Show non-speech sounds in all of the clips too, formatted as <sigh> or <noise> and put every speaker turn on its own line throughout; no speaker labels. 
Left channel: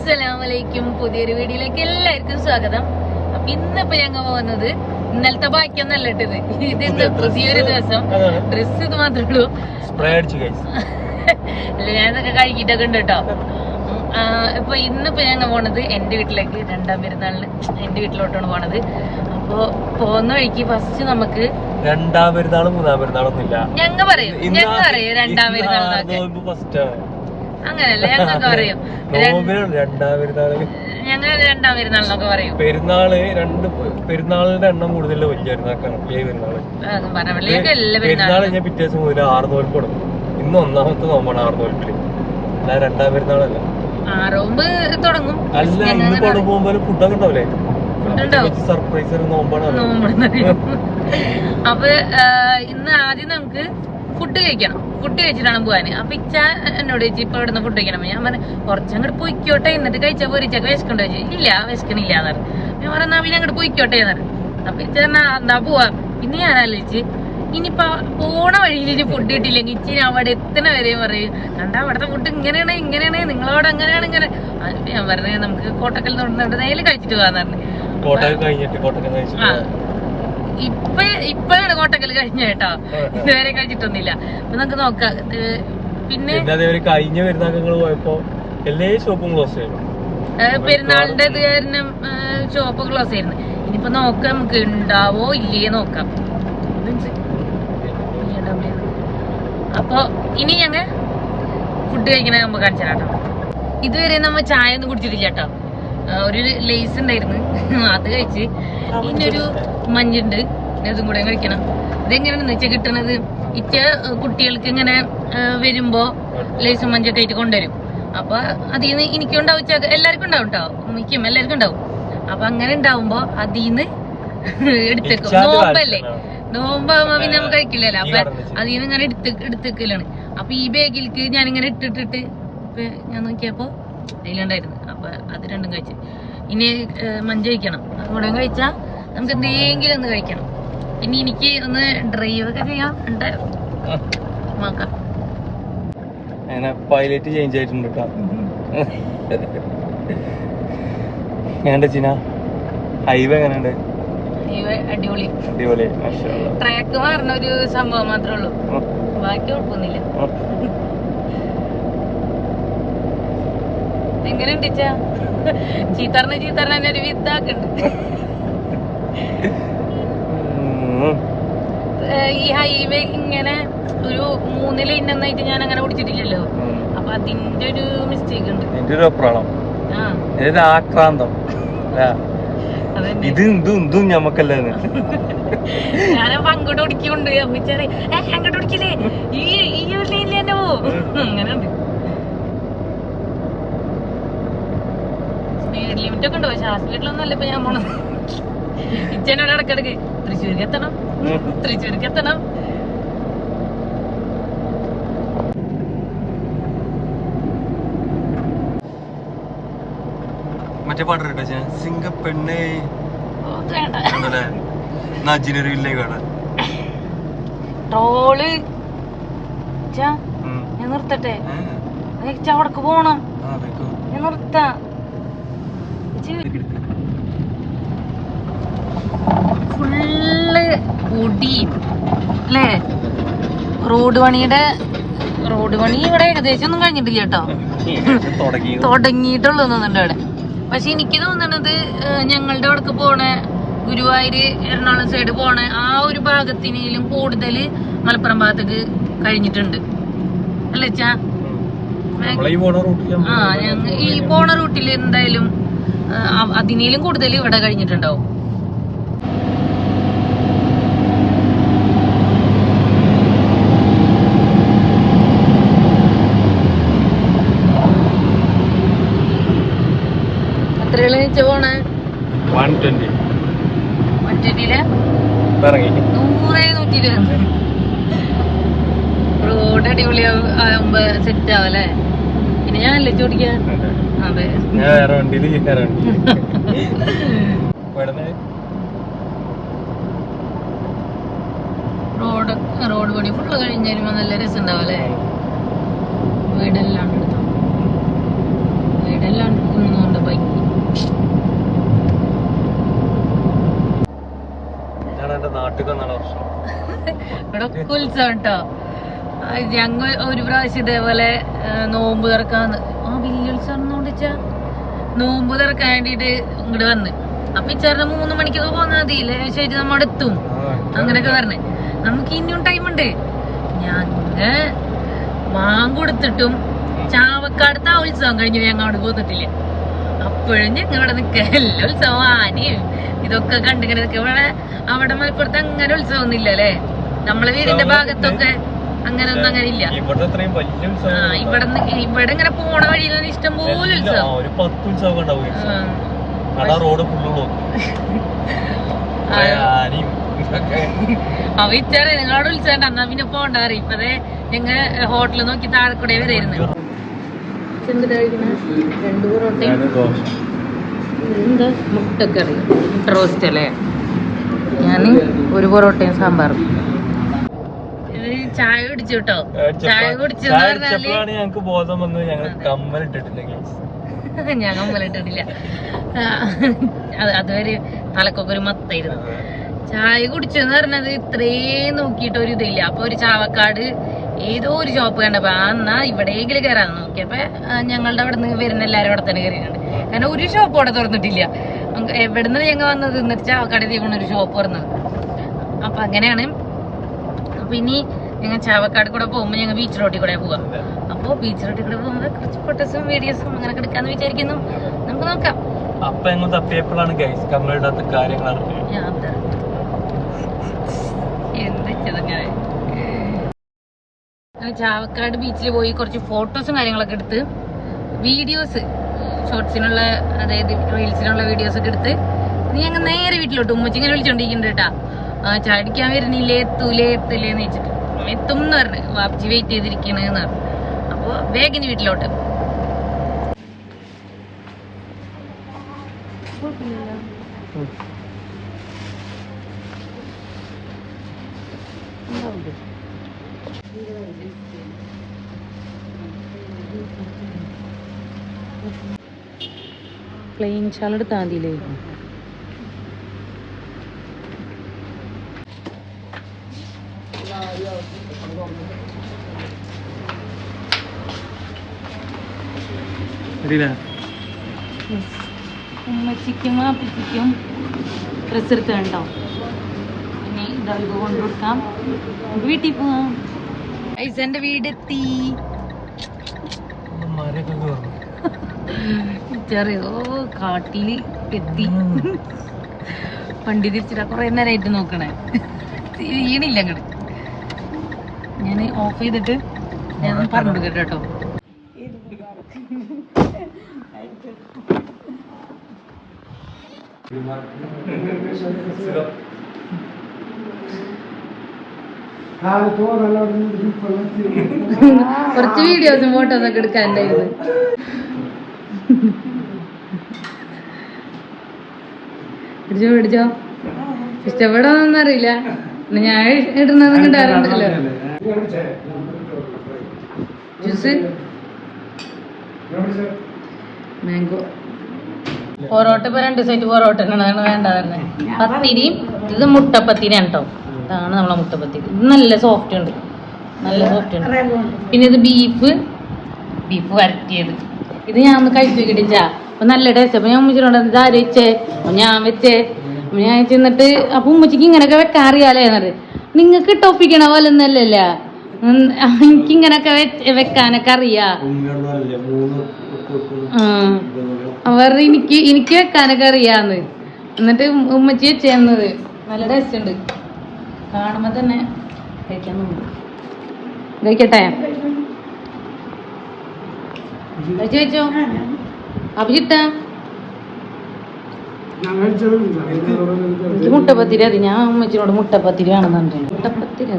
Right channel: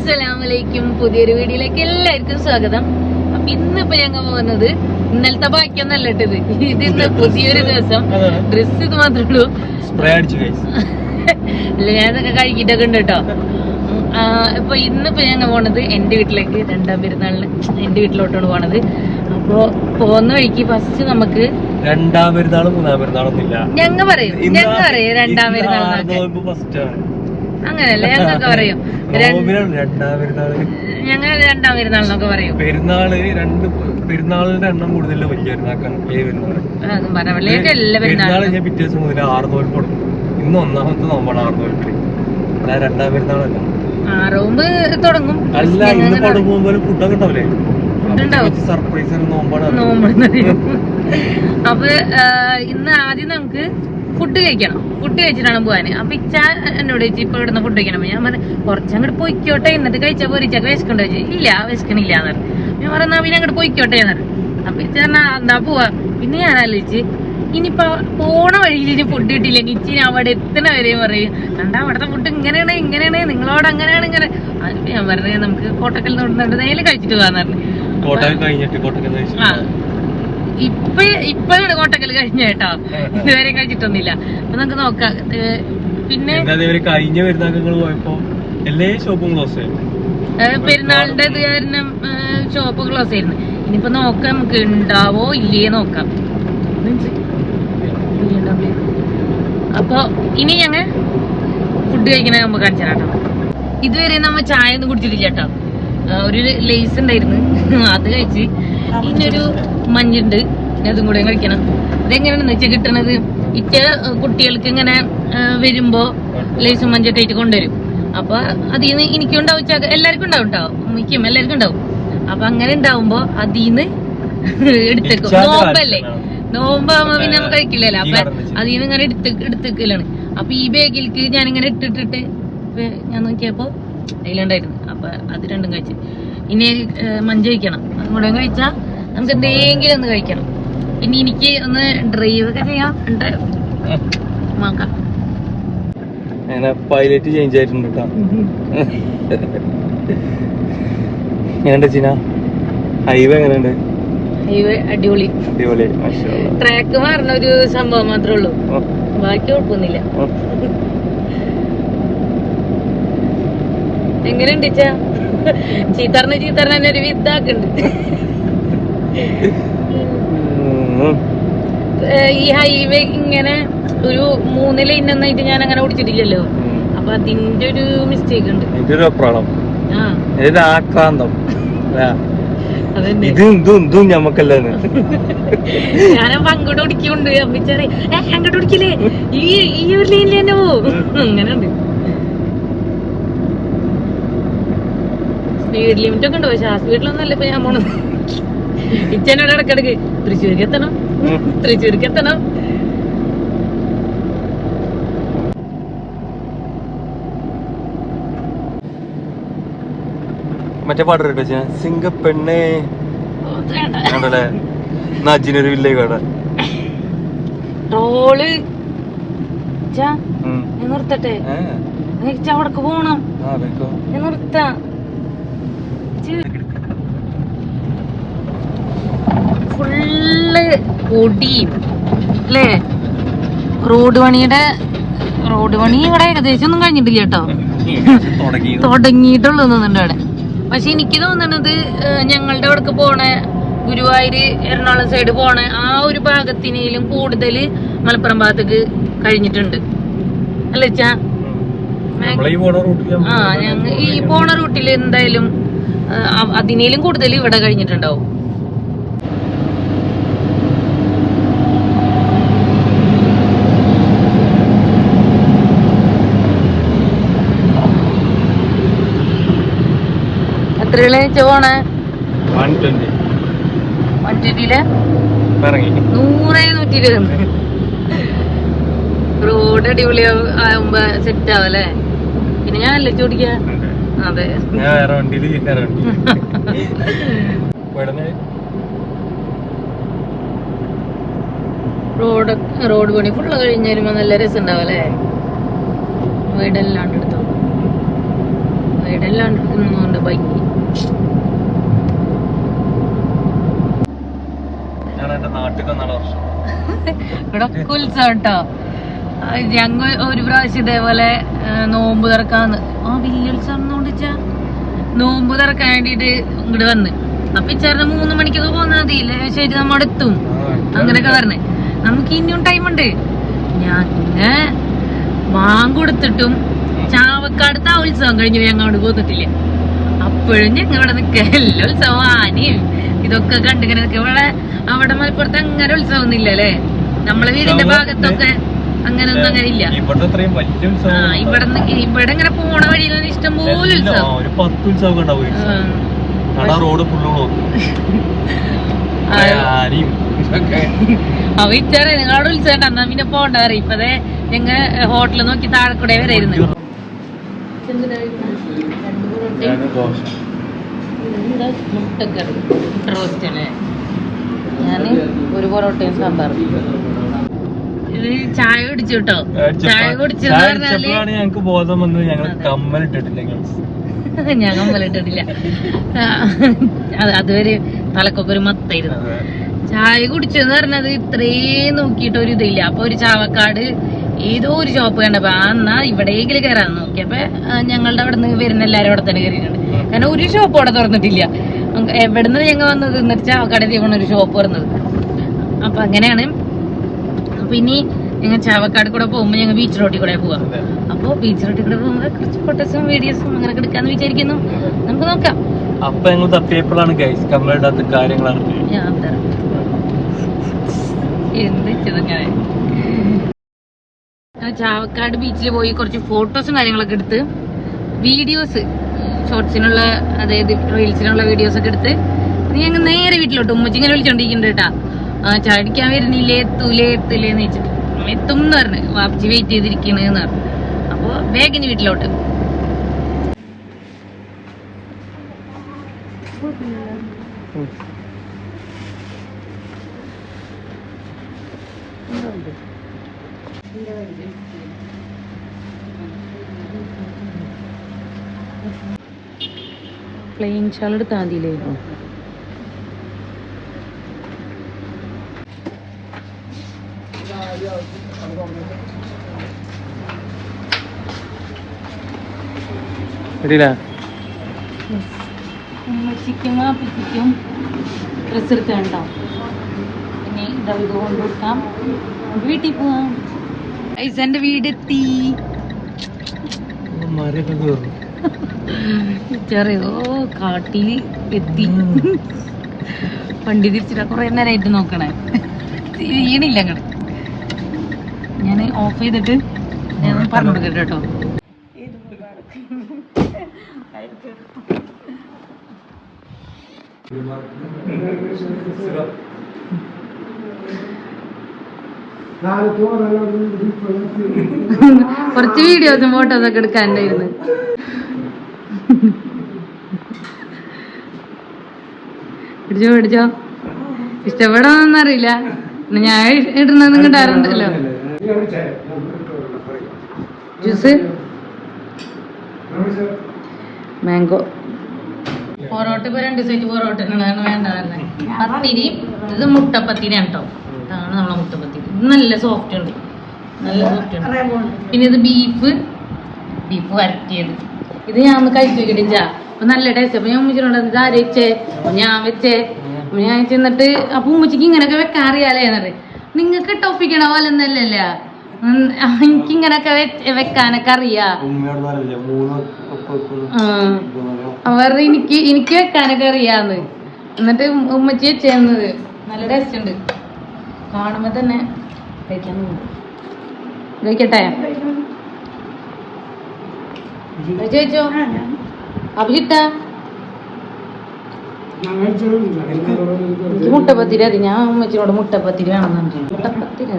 അസ്സലാമലൈക്കും. പുതിയൊരു വീഡിയോയിലേക്ക് എല്ലാവർക്കും സ്വാഗതം. അപ്പൊ ഇന്നിപ്പോ ഞങ്ങൾ പോകുന്നത് ഇന്നലത്തെ ബാക്കിയൊന്നല്ല ഇട്ടത് ഇത് ഇന്ന് പുതിയൊരു ദിവസം. ഡ്രസ് ഇത് മാത്രമേ ഉള്ളൂ. അല്ല ഞാൻ ഇതൊക്കെ കഴിക്കിട്ടൊക്കെ ഉണ്ട് കേട്ടോ. അപ്പൊ ഇന്നിപ്പോ ഞങ്ങൾ പോണത് എന്റെ വീട്ടിലേക്ക്. രണ്ടാം പെരുന്നാളിന് എന്റെ വീട്ടിലോട്ടാണ് പോണത്. അപ്പൊ പോകുന്ന വഴിക്ക് ഫസ്റ്റ് നമുക്ക്
രണ്ടാം പെരുന്നാളും മൂന്നാം പെരുന്നാളൊന്നുമില്ല
ഞങ്ങൾ പറയും. ഞങ്ങൾ പറയും രണ്ടാം പെരുന്നാൾ
ഫസ്റ്റ്
അങ്ങനെയല്ല? ഞങ്ങൾക്ക് പറയും. <laughs> ഞങ്ങൾ രണ്ടാം പെരുന്നാൾ എന്നൊക്കെ പറയും.
പെരുന്നാൾ രണ്ട് പെരുന്നാളിന്റെ എണ്ണം കൂടുതൽ വലിയ പെരുന്നാക്കാണ് വലിയ പെരുന്നാൾ.
പെരുന്നാൾ
ഞാൻ പിറ്റേ ദിവസം മുതൽ ആറ് നോൽപ്പ് തുടങ്ങും ഇന്ന് ഒന്നാമത്തെ നോമ്പാണ് ആറ് നോൽപ്പിൽ അല്ല രണ്ടാം പെരുന്നാളല്ല.
തുടങ്ങും.
അല്ല ഇന്ന് പടം പോകുമ്പോൾ ഫുഡൊക്കെ ഉണ്ടാവില്ലേ. സർപ്രൈസ് നോമ്പാണ്.
അപ്പൊ ഇന്ന് ആദ്യം നമുക്ക് ഫുഡ് കഴിക്കണം. ഫുഡ് കഴിച്ചിട്ടാണ് പോവാന്. അപ്പൊ ഇച്ച എന്നോട് ചോദിച്ചു ഇപ്പൊ ഇവിടുന്ന് ഫുഡ് കഴിക്കണം? ഞാൻ പറഞ്ഞു കുറച്ചങ്ങോട്ട് പോയിക്കോട്ടെ. എന്നിട്ട് കഴിച്ച പോരി ചക്ക വിശക്കണ്ടോ ചോദിച്ചു ഇല്ല വിശക്കണില്ല എന്ന് പറഞ്ഞു. ഞാൻ പറഞ്ഞു "എന്നാ പിന്നെ അങ്ങോട്ട് പോയിക്കോട്ടെ എന്ന് പറഞ്ഞു. അപ്പൊ ഇച്ച എന്നാ പോവാ. പിന്നെ ഞാൻ ആലോചിച്ച് ഇനിയിപ്പൊ പോണ വഴിയിൽ ഫുഡ് കിട്ടിയില്ലെങ്കിൽ ഞാൻ അവിടെ എത്തണ വരെയും പറയും. കണ്ടാ അവിടുത്തെ ഫുഡ് ഇങ്ങനെയാണ് ഇങ്ങനെയാണ് നിങ്ങളോട് അങ്ങനെയാണ് ഇങ്ങനെ. അതിപ്പോ ഞാൻ പറഞ്ഞു നമുക്ക് കോട്ടക്കൽ തൊടുന്നുണ്ട് നേരെ കഴിച്ചിട്ട് പോകാന്ന് പറഞ്ഞു.
കോട്ടയം കഴിഞ്ഞിട്ട്
ഇപ്പൊ ഇപ്പഴാണ് കോട്ടക്കൽ കഴിഞ്ഞ കേട്ടോ. ഇതുവരെ കഴിച്ചിട്ടൊന്നുമില്ല അപ്പൊ നമുക്ക് നോക്കാം. പിന്നെ?
കഴിഞ്ഞ പെരുന്നാൾ പോയപ്പോ എല്ലാ ഷോപ്പും ക്ലോസ് ആയിരുന്നു.
പെരുന്നാളിന്റെ ഇത് കാരണം ഷോപ്പ് ക്ലോസ് ആയിരുന്നു. ഇനിയിപ്പോ നോക്കാം നമുക്ക് ഉണ്ടാവോ ഇല്ലേ നോക്കാം. അപ്പൊ ഇനി ഞങ്ങ ഫുഡ് കഴിക്കണ നമുക്ക് കാണിച്ചു ഇതുവരെ നമ്മ ചായ ഒന്നും കുടിച്ചിട്ടില്ല കേട്ടോ. ഒരു ലേസ് ഉണ്ടായിരുന്നു. <laughs> അത് കഴിച്ച് ഇതിനൊരു മഞ്ഞുണ്ട്. ഇനി അതും കൂടെ കഴിക്കണം. ഇതെങ്ങനെയാണെന്ന് വെച്ചാൽ കിട്ടണത് ഇറ്റ കുട്ടികൾക്ക് ഇങ്ങനെ വരുമ്പോ ലേസും മഞ്ഞൊക്കെ ആയിട്ട് കൊണ്ടുവരും. അപ്പൊ അതിൽ നിന്ന് എനിക്കും ഉണ്ടാവും എല്ലാവർക്കും ഉണ്ടാവും കേട്ടോ മിക്കും എല്ലാവർക്കും ഉണ്ടാവും. അപ്പൊ അങ്ങനെ ഉണ്ടാവുമ്പോ അതിന്ന് <laughs> എടുത്തേക്കും. നോമ്പല്ലേ? നോമ്പാകുമ്പോ പിന്നെ നമ്മൾ കഴിക്കില്ലല്ലോ. അപ്പൊ
അതിൽ
നിന്ന് ഇങ്ങനെ എടുത്ത് എടുത്തേക്കലാണ് അപ്പൊ ഈ ബാഗിലേക്ക് ഞാൻ ഇങ്ങനെ ഇട്ടിട്ടിട്ട് ഞാൻ നോക്കിയപ്പോ അതിലുണ്ടായിരുന്നു അപ്പൊ അത് രണ്ടും കഴിച്ചു. ഇനി മഞ്ച കഴിക്കണം. അതുകൂടെ കഴിച്ചാൽ കഴിച്ചാ നമുക്ക് എന്തെങ്കിലും ഒന്ന് കഴിക്കണം. പിന്നെ എനിക്ക് ഒന്ന് ഡ്രൈവ് ഒക്കെ ചെയ്യാം. ഉണ്ട്. നോക്കാം.
പൈലറ്റ് ചേഞ്ച് ആയിട്ടുണ്ട് കേട്ടോ ഞാൻ ചിന ഹൈവേ എങ്ങനെയുണ്ട്?
ഹൈവേ അടിപൊളി.
അടിപൊളി.
ട്രാക്ക് മാറുന്ന ഒരു സംഭവം മാത്രമേ ഉള്ളൂ. ബാക്കി കുഴപ്പമൊന്നുമില്ല എങ്ങനെയുണ്ട് ഉണ്ടിച്ച. ചീത്തറിന് ചീത്തറിന് തന്നെ ഒരു വിത്താക്കുണ്ട്. ഈ ഹൈവേ ഇങ്ങനെ ഒരു മൂന്ന് ലൈൻ ഒന്നായിട്ട് ഞാൻ അങ്ങനെ ഓടിച്ചിട്ടില്ലല്ലോ. അപ്പൊ അതിന്റെ ഒരു മിസ്റ്റേക്ക് ഉണ്ട്.
ഇതൊരു ആക്രാന്തം ഇതും ഞമ്മക്കല്ലേ
ഞാനപ്പോ അങ്ങോട്ട് ഓടിക്കൊണ്ട് അമ്മിച്ചാറേ അങ്ങോട്ട് ഓടിക്കില്ലേ? ഈ ഈ ഒരു ലൈനിൽ തന്നെ പോവും അങ്ങനെ ഉണ്ട് സ്പീഡ് ലിമിറ്റ് ഒക്കെ ഉണ്ടോ. പക്ഷെ ആ സ്പീഡിലൊന്നും അല്ല ഇപ്പൊ ഞാൻ പോണത്. ഇച്ചനോട് ഇടക്കിടക്ക് തൃശ്ശൂർക്ക് എത്തണം. തൃശ്ശൂർക്ക് എത്തണം.
മറ്റേ പാട്ട് കേട്ടോ സിംഗപ്പെണ്ണേ നജിനൊരു വില്ലേ ട്രോൾ.
ഞാൻ നിർത്തട്ടെ. എനിക്ക് അവിടക്ക് പോണം. ഞാൻ നിർത്താം. ഫുള്ള് പൊടിയും അല്ലേ റോഡ് പണിയുടെ റോഡ് പണി ഇവിടെ ഏകദേശം ഒന്നും കഴിഞ്ഞിട്ടില്ല കേട്ടോ. <laughs> തുടങ്ങിയിട്ടുള്ള തോന്നുന്നുണ്ട് അവിടെ പക്ഷെ എനിക്ക് തോന്നണത് ഞങ്ങളുടെ അവിടേക്ക് പോണ ഗുരുവായൂര് എറണാകുളം സൈഡ് പോണ ആ ഒരു ഭാഗത്തിനേലും കൂടുതൽ മലപ്പുറം ഭാഗത്തേക്ക് കഴിഞ്ഞിട്ടുണ്ട്. അല്ലേ ചാ ആ ഞങ്ങൾ ഈ പോണ റൂട്ടിൽ എന്തായാലും അതിനേലും കൂടുതൽ ഇവിടെ കഴിഞ്ഞിട്ടുണ്ടാവും. നൂറേ നൂറ്റി ഇരുപത് റോഡ് അടിപൊളി ആവുമ്പോ സെറ്റ് ആവല്ലേ പിന്നെ ഞാൻ അല്ലേ ചോദിക്ക? അതെ. റോഡ് റോഡ് പണി ഫുള്ള് കഴിഞ്ഞ് വരുമ്പോ നല്ല രസം ഉണ്ടാവല്ലേ വീടെല്ലാണ്ട് എടുത്തോ വീടെല്ലാണ്ട് എടുക്കുന്നു
ബൈക്ക്
ഇവിടെ ഒക്കെ ഉത്സവം കേട്ടോ ഞങ്ങൾ ഒരു പ്രാവശ്യം ഇതേപോലെ നോമ്പ് തുറക്കാന്ന്. ആ വലിയ ഉത്സവം നോമ്പ് തുറക്കാൻ വേണ്ടിട്ട് ഇങ്ങോട്ട് വന്ന്. അപ്പൊ ഇച്ചാറിന് മൂന്ന് മണിക്കൊക്കെ പോന്നാ മതി. ശരി നമ്മടെ എത്തും. അങ്ങനെയൊക്കെ പറഞ്ഞേ. നമുക്ക് ഇനിയും ടൈം ഉണ്ട്. ഞാൻ വാങ്ങൊടുത്തിട്ടും ആ ഉത്സവം കഴിഞ്ഞു ഞങ്ങൾ അവിടെ പോന്നിട്ടില്ല? അപ്പോഴും ഞങ്ങൾ അവിടെ നിൽക്ക എല്ലാ ഉത്സവം ആനയും ഇതൊക്കെ കണ്ടിങ്ങനെ നിൽക്കുക. ഇവിടെ അവിടെ മലപ്പുറത്ത് അങ്ങനെ ഉത്സവം ഒന്നും ഇല്ലല്ലേ നമ്മളെ വീടിന്റെ ഭാഗത്തൊക്കെ. അങ്ങനെ ഒന്നും അങ്ങനെ ഇല്ല. ഇവിടെ ഇവിടെ ഇങ്ങനെ പോണ വഴിയിൽ ഇഷ്ടം പോലെ ഉത്സവം.
റോഡ്.
അവ ഇച്ചാണ് നിങ്ങളുടെ ഉത്സവം എന്നാ പിന്നെ പോണ്ട പറയും ഇപ്പതേ ഞങ്ങൾ ഹോട്ടലിൽ നോക്കി താഴെ
വരായിരുന്നു.
മുട്ടക്കറി. റോസ്റ്റ് അല്ലേ? ഞാൻ ഒരു പൊറോട്ടയും സാമ്പാറും. ചായ കുടിച്ചു കേട്ടോ ചായ കുടിച്ചെന്ന്
ഞങ്ങൾക്ക് ബോധം വന്നത്. ഞങ്ങൾ കമ്മലിട്ടിട്ടില്ല. <laughs>
ഞാൻ കമ്പലിട്ടിട്ടില്ല അതുവരെ തലക്കൊക്കെ ഒരു മത്തായിരുന്നു. ചായ കുടിച്ചെന്ന് പറഞ്ഞത് ഇത്രയും നോക്കിയിട്ട് ഒരു ഇതില്ല. അപ്പൊ ഒരു ചാവക്കാട് ഏതോ ഒരു ഷോപ്പ് കണ്ടപ്പോ ആ എന്നാ ഇവിടേക്കിൽ കയറാൻ നോക്കിയപ്പോ ഞങ്ങളുടെ അവിടെ നിന്ന് വരുന്ന എല്ലാരും അവിടെ തന്നെ കയറിയിട്ടുണ്ട് കാരണം ഒരു ഷോപ്പ് അവിടെ തുറന്നിട്ടില്ല. എവിടെ എവിടുന്ന് ഞങ്ങൾ വന്നത്? എന്നിട്ട് ചാവക്കാട് തീവണ ഒരു ഷോപ്പ് തുറന്നത്. അപ്പൊ അങ്ങനെയാണ് അപ്പൊ ഇനി ഞങ്ങൾ ചാവക്കാട് കൂടെ പോകുമ്പോ ഞങ്ങൾ ബീച്ച് റോട്ടിൽ കൂടെ പോവാം. അപ്പൊ ബീച്ച് റോട്ടിൽ കൂടെ പോകുമ്പോൾ കുറച്ച് ഫോട്ടോസും വീഡിയോസും അങ്ങനെ എടുക്കാന്ന് വിചാരിക്കുന്നു. നമുക്ക് നോക്കാം.
അപ്പൊ ഞങ്ങൾ തപ്പിയപ്പോഴാണ് ഗൈസ് കമ്മലിടാത്ത കാര്യങ്ങളാണ്
ചാവക്കാട് ബീച്ചിൽ പോയി കുറച്ച് ഫോട്ടോസും കാര്യങ്ങളൊക്കെ എടുത്ത് വീഡിയോസ് ഷോർട്സിനുള്ള അതായത് റീൽസിനുള്ള വീഡിയോസ് ഒക്കെ എടുത്ത് നീ ഞങ്ങൾ നേരെ വീട്ടിലോട്ട് ഉമ്മച്ചിങ്ങനെ വിളിച്ചോണ്ടിരിക്കുന്നുണ്ട് കേട്ടാ ആ ചാടിക്കാൻ വരുന്നില്ലേ? എത്തൂലേ? എത്തൂലേന്ന് വെച്ചിട്ട്. എത്തും എന്ന് പറഞ്ഞു. വാപ്പച്ചി വെയിറ്റ് ചെയ്തിരിക്കണെന്ന് പറഞ്ഞു. അപ്പൊ വേഗിന് വീട്ടിലോട്ട്. പ്ലെയിൻ ഷാൾ എടുത്താൽ മതിയില്ലേ ഉമ്മച്ചിക്കും ആപ്പിക്കും ഡ്രസ് എടുക്കണ്ടോ ഇനി ഇതാ ഇത് കൊണ്ടുകൊടുക്കാം വീട്ടിൽ പോവാം. ഐസന്റെ വീടെത്തി. ചെറിയോ കാട്ടിൽ എത്തി. വണ്ടി തിരിച്ചിട്ട് കുറെ നേരമായിട്ട് നോക്കണേ. തിരിയണില്ല അങ്ങട്. ഞാൻ ഓഫ് ചെയ്തിട്ട് ഞാൻ പറഞ്ഞു കൊടുക്കട്ടെ കേട്ടോ. കുറച്ച് വീഡിയോസും ഫോട്ടോസ് ഒക്കെ എടുക്കാനുണ്ടായിരുന്നു പിടിച്ചോ പിടിച്ചോ. ഇഷ്ടപ്പെടാന്നറിയില്ല അറിയില്ല. ഞാൻ ഇടുന്നത് കിട്ടാറുണ്ടല്ലോ ജ്യൂസ് മാംഗോ. പൊറോട്ട ഇപ്പൊ രണ്ട് സൈറ്റ് പൊറോട്ട എന്നാണ് വേണ്ടതന്നെ പത്തിരി ഇത് മുട്ടപ്പത്തിരി കേട്ടോ ഇതാണ് നമ്മളെ മുട്ടപ്പത്തിരി. ഇത് നല്ല സോഫ്റ്റ് ഉണ്ട്. നല്ല സോഫ്റ്റ് ഉണ്ട്. പിന്നെ ഇത് ബീഫ് ബീഫ് വരട്ടിയത്. ഇത് ഞാൻ ഒന്ന് കഴിപ്പിക്കട്ടില്ല അപ്പൊ നല്ല ടേസ്റ്റ് അപ്പൊ ഞാൻ ഉമ്മച്ചിട്ടുണ്ട് എന്താ വെച്ചേ? അപ്പൊ ഞാൻ വെച്ചേ. ഞാൻ ചെന്നിട്ട് അപ്പൊ ഉമ്മച്ചിക്ക് ഇങ്ങനെയൊക്കെ വെക്കാറിയാലേ എന്നത് നിങ്ങൾക്ക് ടോപ്പിക്കണ പോലെ ഒന്നല്ലല്ല എനിക്ക് ഇങ്ങനൊക്കെ വെക്കാനൊക്കെ അറിയാ. അവർ എനിക്ക് എനിക്ക് വെക്കാനൊക്കെ അറിയാന്ന്. എന്നിട്ട് ഉമ്മച്ചി വെച്ചേന്നത്. നല്ല ടേസ്റ്റ് ഉണ്ട്. കാണുമ്പോ തന്നെ കഴിക്കാൻ തോന്നും. കഴിക്കട്ടെ? കഴിച്ചു കഴിച്ചോ? അഭിജിട്ട മുട്ടപ്പത്തിരി അത് ഞാൻ അമ്മച്ചിനോട് മുട്ടപ്പത്തിരി വേണമെന്നു മുട്ടപ്പത്തിരി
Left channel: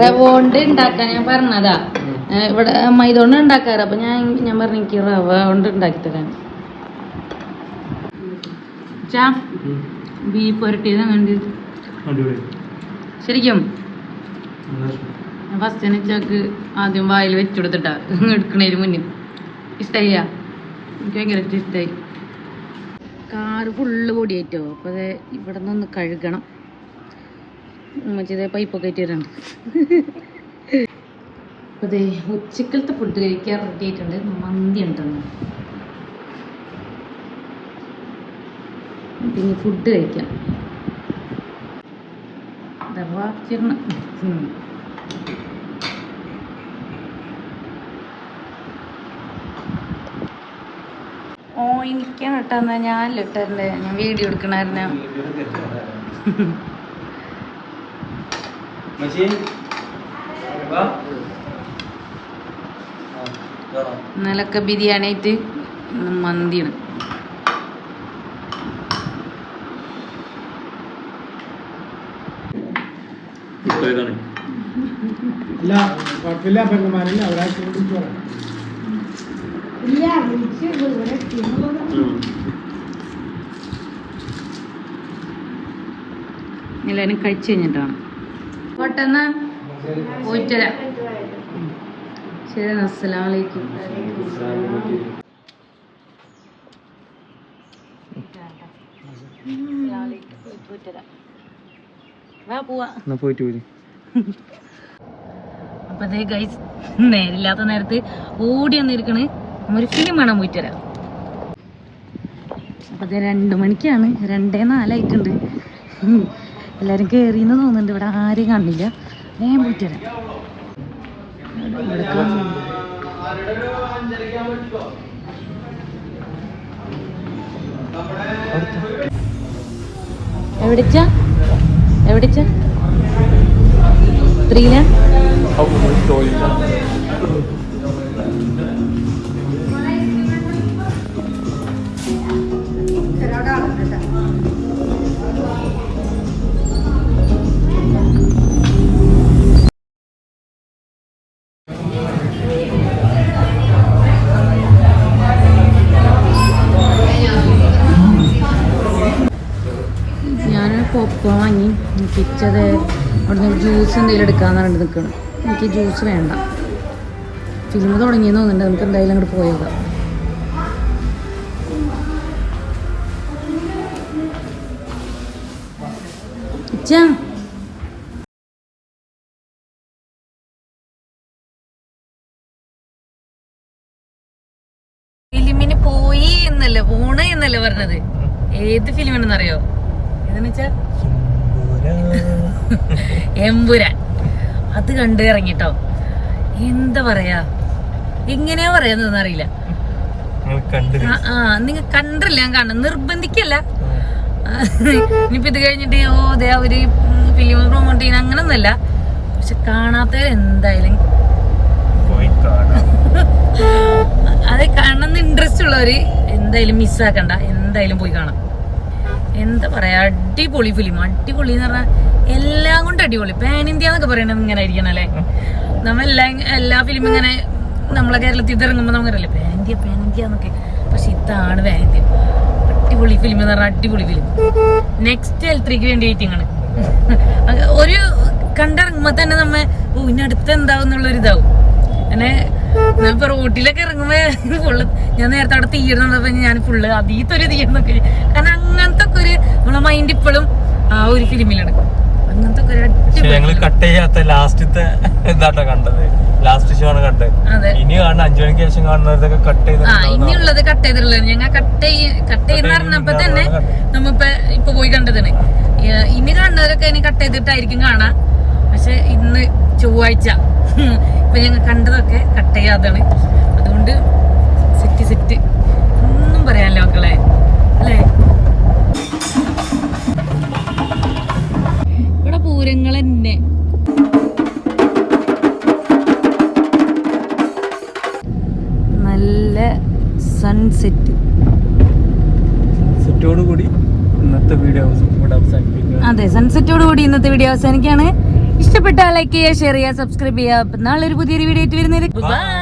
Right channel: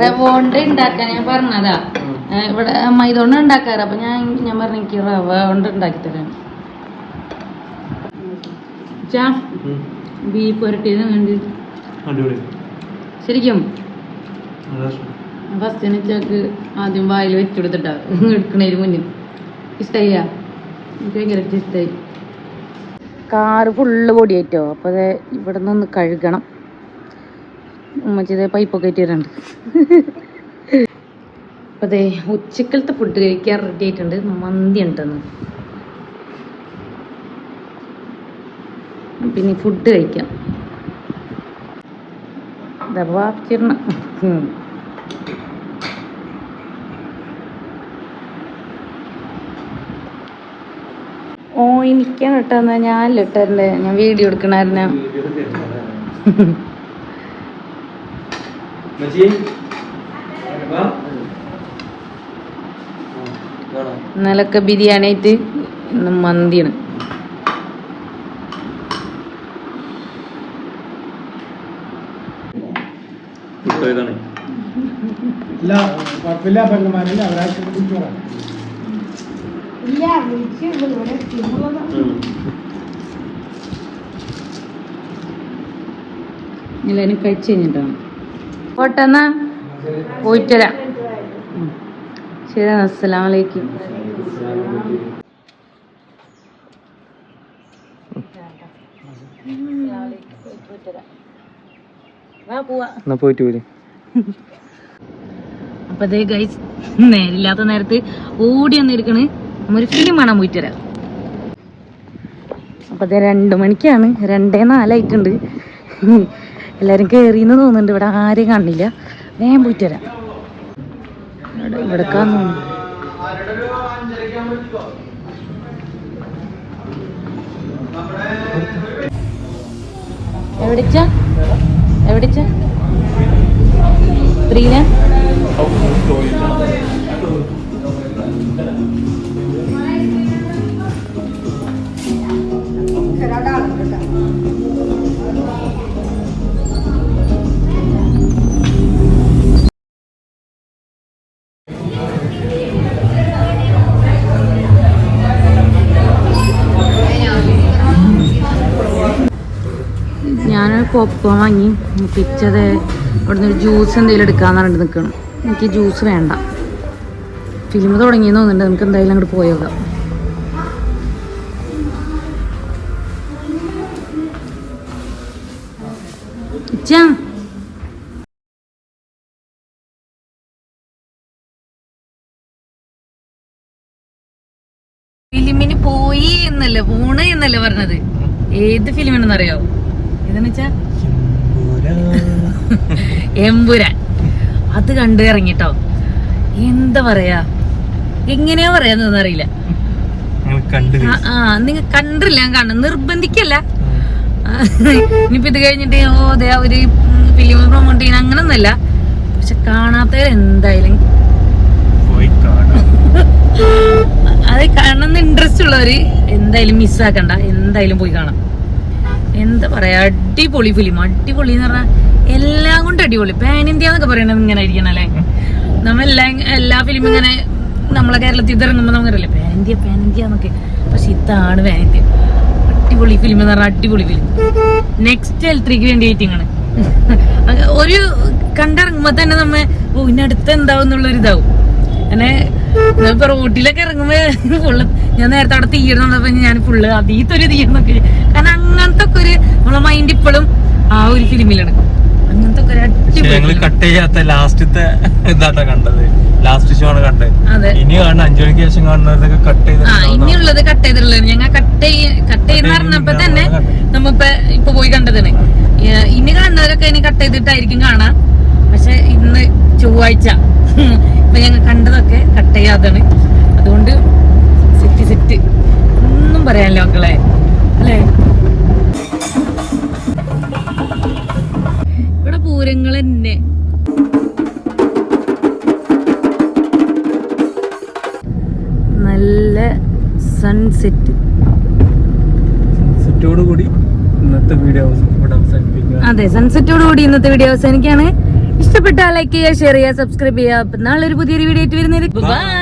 റവോണ്ട് ഉണ്ടാക്കാൻ ഞാൻ പറഞ്ഞതാ. ഇവിടെ അമ്മ ഇതുകൊണ്ട് ഉണ്ടാക്കാറ്. അപ്പൊ ഞാൻ ഞാൻ പറഞ്ഞു എനിക്ക് റവ കൊണ്ട് ഉണ്ടാക്കി തരാം ബീഫ് പുരട്ടിയത് വേണ്ടി ശരിക്കും? ഫസ്റ്റ് ചാക്ക് ആദ്യം വായിൽ വെച്ചു കൊടുത്തിട്ടാ. എടുക്കണേന് മുന്നിൽ. ഇഷ്ടായില്ല? എനിക്ക് ഭയങ്കര ഇഷ്ടമായി കാറ് ഫുള്ള് പൊടിയേറ്റോ? അപ്പോൾ അത് ഇവിടെ നിന്ന് കഴുകണം. ഉമ്മച്ചിത് പൈപ്പൊക്കെ ഇട്ടിട്ടുണ്ട്. അപ്പോൾ അതെ ഉച്ചക്കലത്തെ ഫുഡ് കഴിക്കാൻ റെഡി ആയിട്ടുണ്ട്. മന്തി ഉണ്ടെന്ന് പിന്നെ ഫുഡ് കഴിക്കാം. ദവാക്കിരണ ഓ എനിക്കാണ് കേട്ടോ എന്നാ ഞാൻ ലിട്ടറിന്റെ ഞാൻ വീഡിയോ എടുക്കണായിരുന്നു. ഇന്നലൊക്കെ ബിരിയാണി ആയിട്ട് ഇന്ന് മന്തിയാണ്.
ഇതാണ്.
ഇല്ല കുഴപ്പമില്ല പെണ്ണുമാരില്ല അവരാഴ്ച
എല്ലാവരും കഴിച്ചു കഴിഞ്ഞിട്ടാണ് പോട്ടെന്നാ. പോയിട്ട് വരാം. ശരി
അസ്സലാമലൈക്കും പോയിട്ട് പോര്
അപ്പൊ അതേ ഗൈസ് നേരില്ലാത്ത നേരത്ത് ഓടി വന്നിരിക്കണ്. ഫിലിം കാണാൻ പോയിട്ട് വരാം. അപ്പൊ അതേ രണ്ടു മണിക്കാണ്. രണ്ടേ നാലായിട്ടുണ്ട്. എല്ലാരും കേറിന്ന് തോന്നുന്നുണ്ട്. ഇവിടെ ആരെയും കാണില്ല. ഞാൻ പോയിട്ട് വരാം. ഇവിടെ ഇവിടെ കാണുന്നു. എവിടെച്ച? എവിടെച്ച ത്രീല ഞാനൊരു പോപ്കോൺ വാങ്ങി. പിച്ചത് അവിടുന്ന് ജ്യൂസ് എന്തെങ്കിലും എടുക്കാന്ന് പറഞ്ഞിട്ട് നിൽക്കണം. എനിക്ക് ജ്യൂസ് വേണ്ട. ഫിലിം തുടങ്ങിയെന്ന് തോന്നുന്നുണ്ട്. നമുക്ക് എന്തായാലും അങ്ങോട്ട് പോയോക്കാം ഇച്ചാ ഫിലിമിന് പോയി എന്നല്ലേ പോണ എന്നല്ലേ പറഞ്ഞത്? ഏത് ഫിലിമിനെന്നറിയോ? ഏതെന്ന് വെച്ചാ? എമ്പുരാൻ. അത് കണ്ടു ഇറങ്ങിട്ടോ. എന്താ പറയാ? എങ്ങനെയാ പറയാന്നറിയില്ല അറിയില്ല.
നിങ്ങൾ കണ്ടു
ആ, നിങ്ങൾ കണ്ടില്ല ഞാൻ കാണുന്നു നിർബന്ധിക്കല്ല. ഇനിയിപ്പോ ഇത് കഴിഞ്ഞിട്ട് ഓ അതെ അവർ ഫിലിം പ്രൊമോട്ട് ചെയ്യുന്ന അങ്ങനൊന്നല്ല പക്ഷെ കാണാത്തവർ എന്തായാലും. അത് കാണുന്ന ഇൻട്രസ്റ്റ് ഉള്ളവര് എന്തായാലും മിസ്സാക്കണ്ട എന്തായാലും പോയി കാണാം. എന്താ പറയാ അടിപൊളി ഫിലിം അടിപൊളി എന്ന് പറഞ്ഞാൽ എല്ലാം കൊണ്ട് അടിപൊളി. പാൻ ഇന്ത്യ എന്നൊക്കെ പറയണത് ഇങ്ങനെ ആയിരിക്കണം അല്ലേ? നമ്മളെല്ലാ എല്ലാ ഫിലിം ഇങ്ങനെ നമ്മളെ കേരളത്തിൽ ഇതിറങ്ങുമ്പോ ഇറങ്ങുമ്പോൾ നമുക്കറിയില്ല പാൻ ഇന്ത്യ പാൻ ഇന്ത്യ എന്നൊക്കെ. പക്ഷെ ഇതാണ് പാൻ ഇന്ത്യ അടിപൊളി ഫിലിം എന്ന് പറഞ്ഞാൽ അടിപൊളി ഫിലിം നെക്സ്റ്റ് എൽ ത്രീക്ക് വേണ്ടി വെയിറ്റിംഗ് ആണ്. <laughs> ഒരു കണ്ടിറങ്ങുമ്പോ തന്നെ നമ്മ ഓ ഇനി അടുത്ത് എന്താവും എന്നുള്ളൊരു ഇതാവും. അങ്ങനെ ഇപ്പൊ റോട്ടിലൊക്കെ ഇറങ്ങുമ്പോ <laughs> ഫുള്ള് ഞാൻ നേരത്തെ അവിടെ തീയണപ്പോ ഞാൻ ഫുള്ള് അതീത്തൊരു തീയണമൊക്കെ കാരണം അങ്ങനത്തെ ഒക്കെ ഒരു നമ്മളെ മൈൻഡ് ഇപ്പോഴും ആ ഒരു ഫിലിമിലാണ് അങ്ങനത്തെ ഒക്കെ ഒരു അടിപൊളി
കട്ട് ചെയ്യാത്ത ലാസ്റ്റത്തെ എന്താട്ടാ കണ്ടത്. ലാസ്റ്റ് ഷോ ആണ് കണ്ടത്. ഇനി കാണുന്ന അഞ്ചു മണിക്ക് ശേഷം കാണുന്നതൊക്കെ കട്ട് ചെയ്ത്
ഇനിയുള്ളത് കട്ട് ചെയ്തിട്ടുള്ളത് ഞങ്ങൾ കട്ട് കട്ട് ചെയ്യുന്ന പറഞ്ഞപ്പോ തന്നെ നമ്മപ്പ ഇപ്പൊ പോയി കണ്ടതാണ് ഇനി കാണുന്നവരൊക്കെ ഇനി കട്ട് ചെയ്തിട്ടായിരിക്കും കാണാ. പക്ഷെ ഇന്ന് ചൊവ്വാഴ്ച. ഇപ്പൊ ഞങ്ങൾ കണ്ടതൊക്കെ കട്ട് ചെയ്യാതാണ് അതുകൊണ്ട് സെറ്റ് സെറ്റ്. ഒന്നും പറയാനില്ല മക്കളെ. അല്ലേ? ഇവിടെ പൂരങ്ങൾ തന്നെ. സൺസെറ്റ്
കൂടി ഇന്നത്തെ വീഡിയോ ഇവിടെ അവസാനിപ്പിക്കുക.
അതെ സൺസെറ്റോട് കൂടി ഇന്നത്തെ വീഡിയോ അവസാനിക്കാണ് ഇഷ്ടപ്പെട്ടാൽ ലൈക്ക് ചെയ്യുക ഷെയർ ചെയ്യുക സബ്സ്ക്രൈബ് ചെയ്യുക. നാളെ ഒരു പുതിയൊരു വീഡിയോ ആയിട്ട് വരുന്നവരെ ബൈ